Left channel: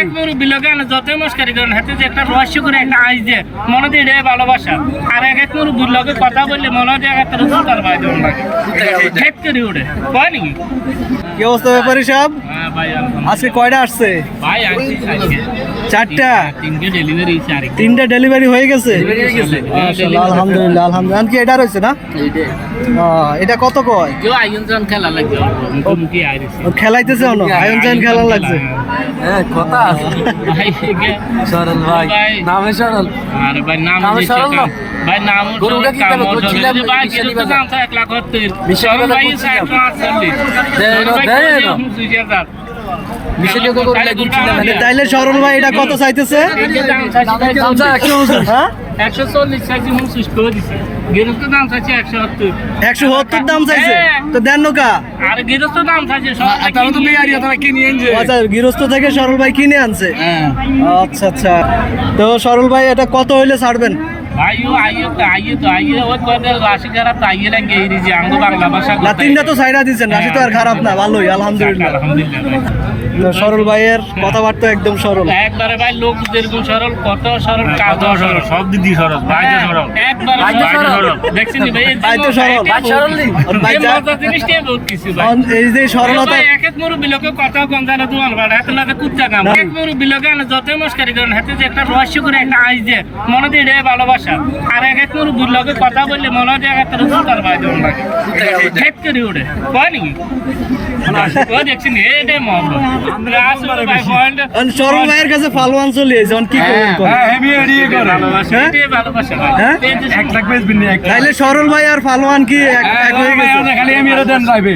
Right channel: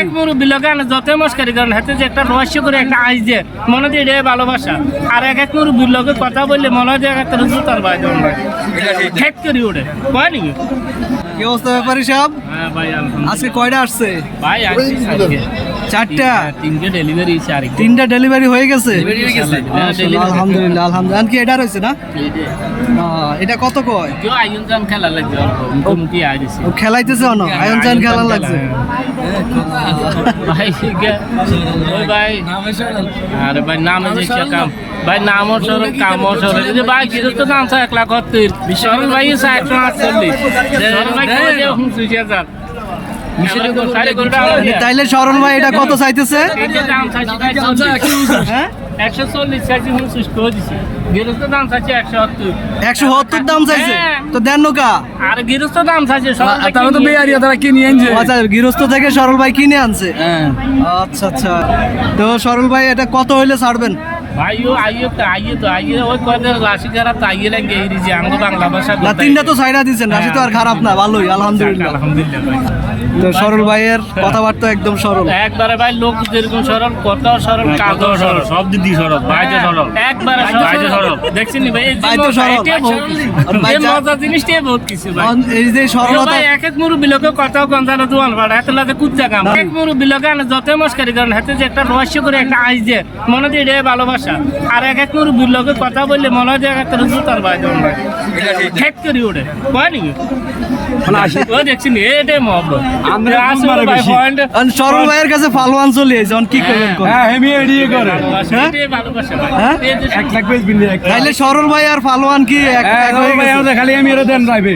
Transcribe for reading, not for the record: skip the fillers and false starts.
এক মুরব্বী লোকে যত মস্কারি করেন হাতে যে একটা রহস্য করে একটা আইস যে মনে দিয়ে রে ভালোবাসা আর এক মুরব্বীর লোকে কথা বললে মনে হয় যে একটা জুতার ভাই দেওয়ার লাগে খেত করে উঠে কয় নাকি কি অবস্থা ব্যাপারী সাহেব? হ্যাঁ ভাই আজকে কয়টা আসছে? ভাই চারটা। তিনটে ডেলিভারি আর তিনটা ডেলিভারি হয়ে গেছে? মাশাআল্লাহ, আলহামদুলিল্লাহ আলহামদুলিল্লাহ। কি এটা রয়েছে না? এটা কত কয়? কেউ আয়োজন খেলা লাগবে মুখোমুখি আইছে ও খেলাইতেছে অন আয়ন জান খেলা লাগছে। হ্যাঁ কথা ভাই সরল ভাই নামে সরল আরে ভাই নাম ভাই নাম সরল কাম সরল ভাই সেটা তো নাম 1 লাখ 70 সরল ভাই 148 তাইলে সরল ভাই এটা কত চাইতেছে? হ্যাঁ 140 চাইছি 29 করে দিছি গৃহস্থ দাম চাইছে 170 170 দাম চাইছে তো দেন নকা আর গৃহস্থ দাম চাইছে তাহলে তো মেয়ারিয়া তারা কিনে আনছে আচ্ছা গৃহস্থ থেকে সরল ভাই কিনে আনছে। আচ্ছা আচ্ছা তো সরল ভাই এটা কত হইলে ছাড়বেন? ভাইও আইয়ে ওই কদের রাশি খারাপ তাইয়ে লাগে এই যে আঙ্গ বাংলা ভাষা না তিনটা তো ছাইড়া দিয়েছেন, রাশি তো আর খারাপ না, ভালোই আলহামদুলিল্লাহ। আলহামদুলিল্লাহ ভাই তো সরল ভাইয়ের কথাবার্তা একদম সরল একবারে ভাই লোক যেরকম সরল কত সরল কাজ সরল সব দিক দিয়ে সরল ভাই তো সরল একবারে সরল দেখছেন ভাই ভাই তো সরল আর ভাই মজা জিনিসটাই বহুত কিছু ভাই এই যে সরলতা ভাই এক মুরব্বী লোকে কথা গন্ধানা দোয়ান ভাড়া এত লাগে কুচ্চা কাম এক মুরব্বী লোকে যত মস্কারি করেন হাতে যে একটা রহস্য করে একটা আইস যে মনে দিয়ে রে ভালোবাসা আর এক মুরব্বীর লোকে কথা বললে মনে হয় যে একটা জুতার ভাই দেওয়ার লাগে খেত করে উঠে কয় নাকি ও দেখছি এটাই মহব্বত সরল ভাইয়ের কাছে ফালওয়ান চলে যখন কি করবেন? তাইলে সরল ভাই আর ফালওয়ান কি এক হয়ে গেছে? খালি আমি এটা দেন যাইবে